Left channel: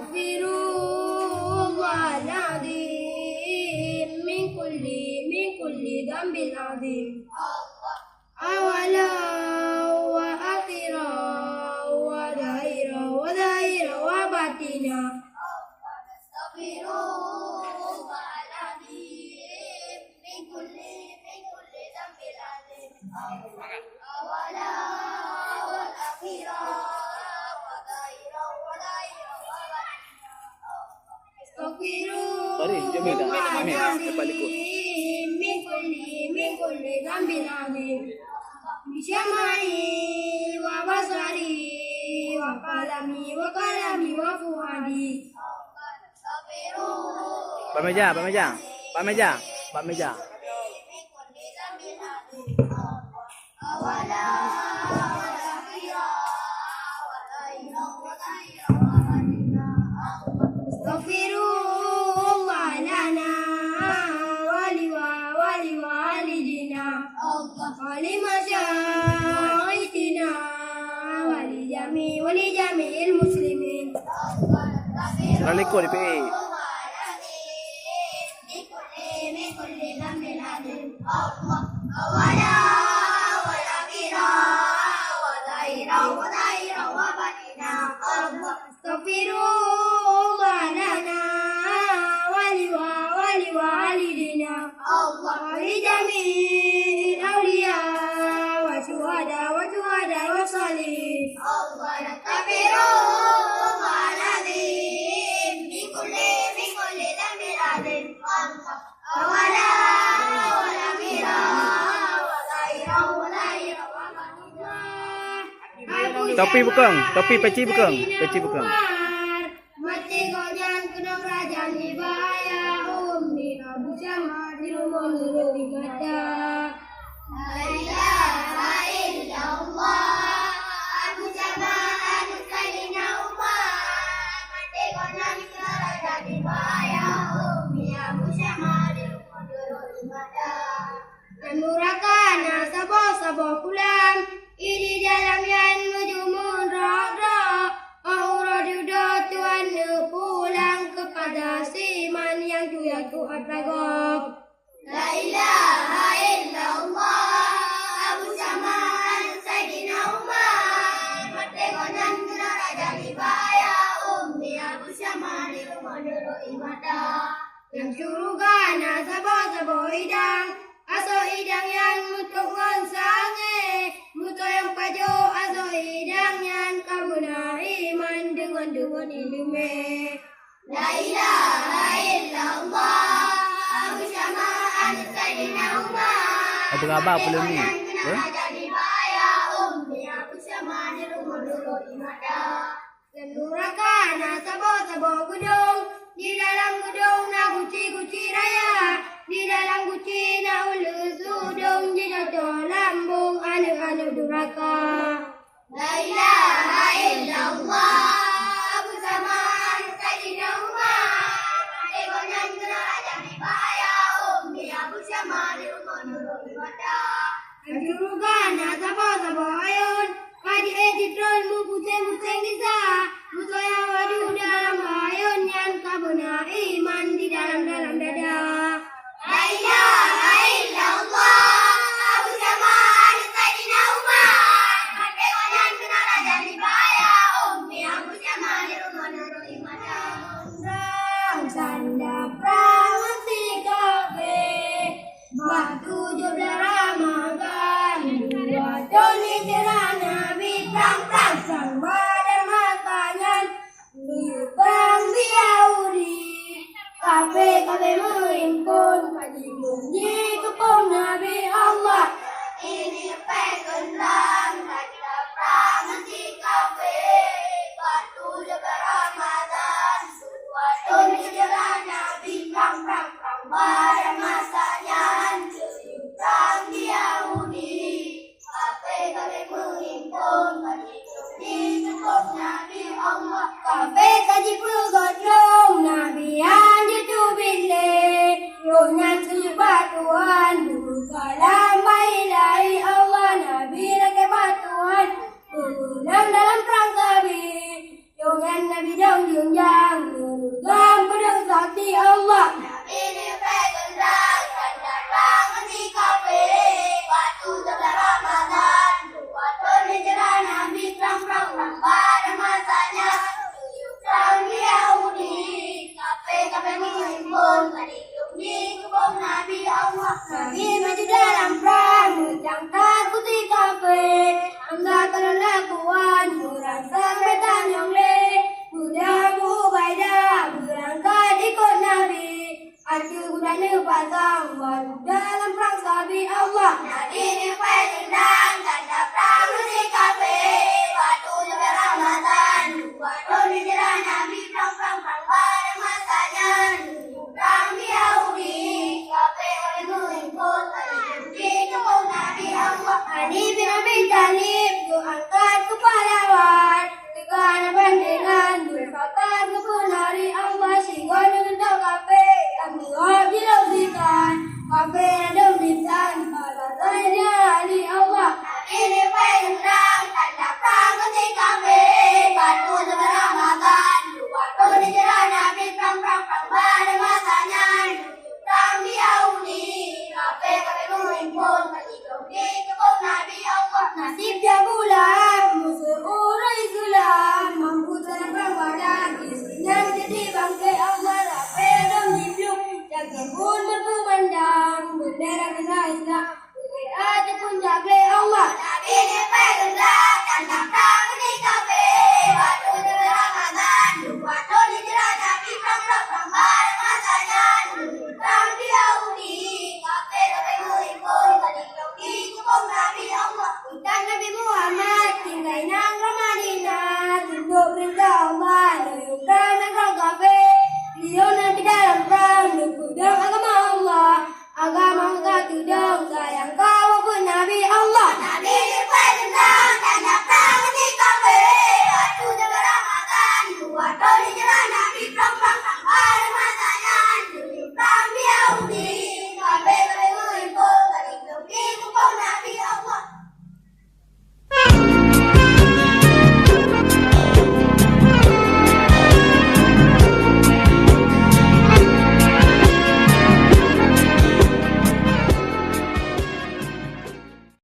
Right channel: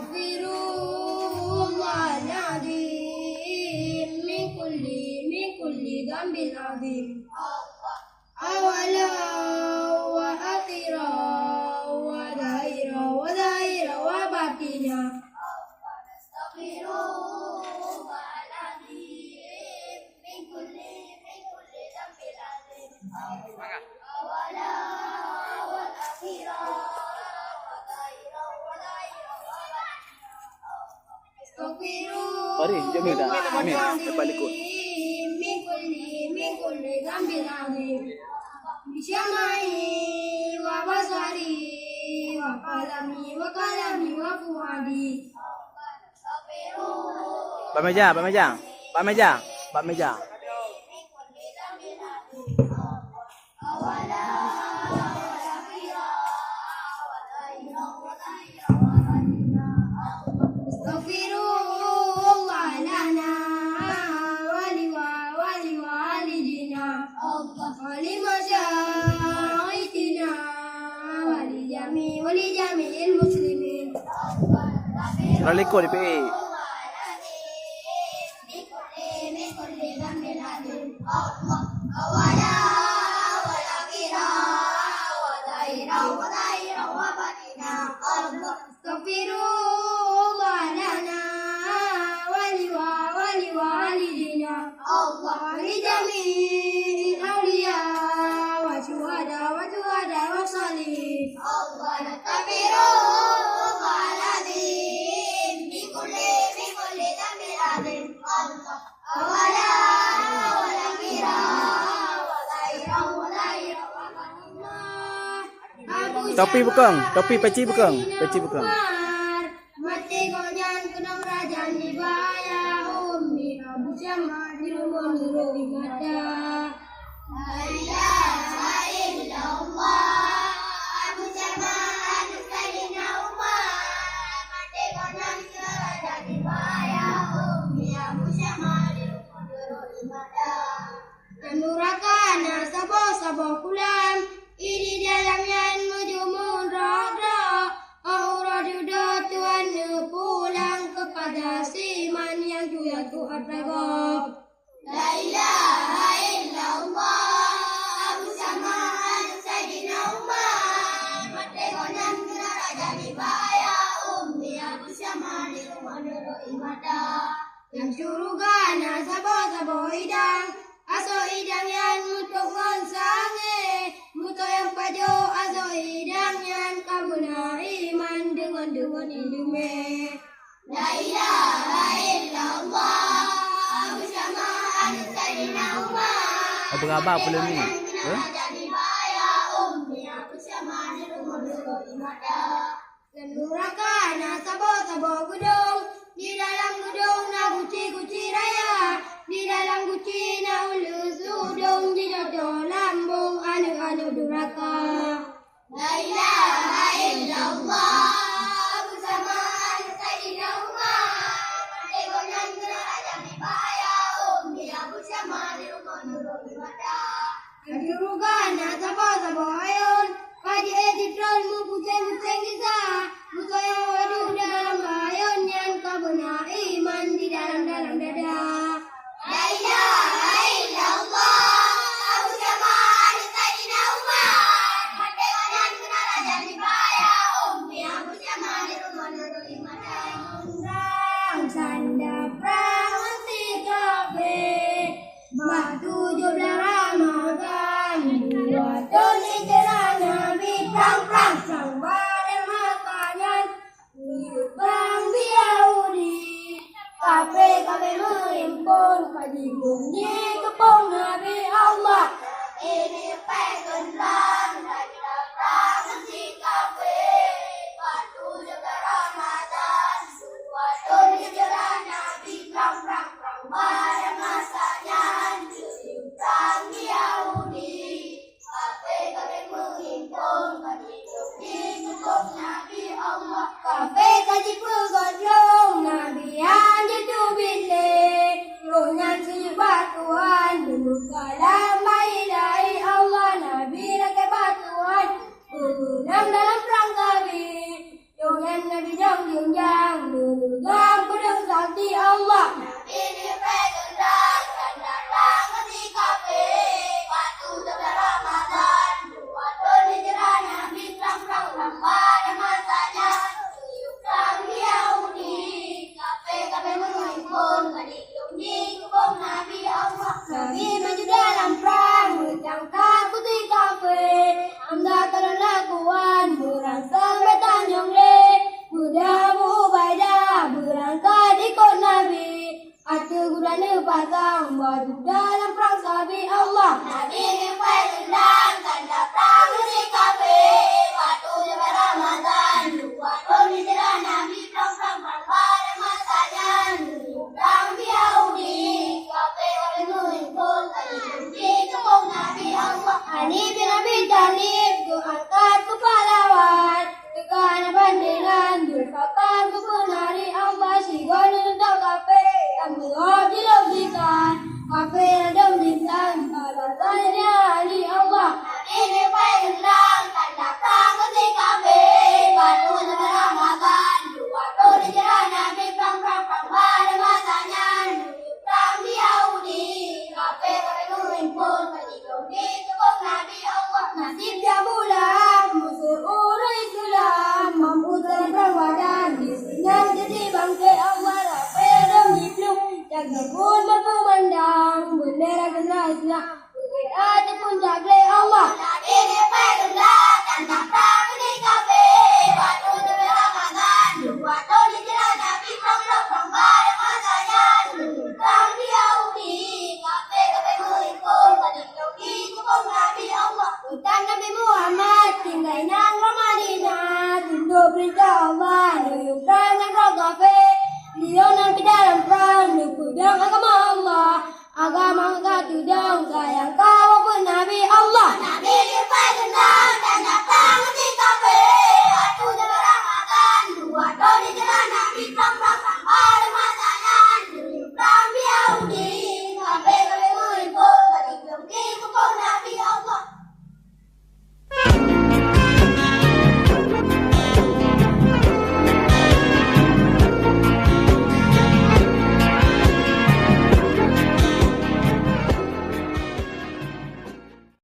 Astaghfirullah al-azim min kulli dhanbin azim. Awala wa akhira wa daira wa batina. Astaghfirullah al-azim min kulli dhanbin azim. Awala wa akhira wa daira wa batina. Sorry, Jamil dah. Jamil, lepas ikut. Min kulli dhanbin azim. Bisyamai wa basari wa qalami wa fuadi. Pak meja. Astaghfirullah lana wa liwalidina wa limasyayikhina wa jami'il muslimin. Kalau ikut DPA. Astaghfirullah lana wa liwalidina wa lijami'il awliya wa syuhada wa salihin. Astaghfirullah al-azim min kulli dhanbin azim. Awala wa akhira wa zahira wa batina. Topi bukan, topi peci bukan. Mati gojang kena kerajaan di bahaya ummi Abu Syama di rumah nurul ibadah. La ilaha illallah Abu Syama anu kalina Umar. Mati gojang kena kerajaan di bahaya ummi Abu Syama di rumah nurul ibadah. Dan murakana sabo kulam ini dalam yang mejumun rada. Aura sudah Tuhan pulang kepada siman yang juga Tuhan ragab. La ilaha illallah Abu Syama Sayyidina Umar. Mati gonan kena raja bahaya ummi Abu Syama di rumah nurul ibadah. Yang surugana sabo hidang aso hidang yang mutuk ngonsange. Muto yang pajo aso hidang yang kabuna iman dengan ilmu. La ilaha illallah Abu Syama Sayyidina Umar. Abang belum ni. Jadi bahaya ummi Abu Syama di rumah nurul ibadah. Dan nurakana sabo gedung. Di dalam gedung na guci raya. Di dalam guci na ulus udung. Di jodoh lambung anu duraka. La ilaha illallah Abu Syama Sayyidina Umar. Mati gonan kena raja bahaya ummi Abu Syama di rumah nurul ibadah. Kajurugana sabo ayun. Kaji editron mu puceng kisah. Muto yang waduh dalam ayun yang kabuna iman di dalam dada. La ilaha illallah Abu Syama Sayyidina Umar. Mati gonan kena raja bahaya ummi Abu Syama di rumah nurul ibadah.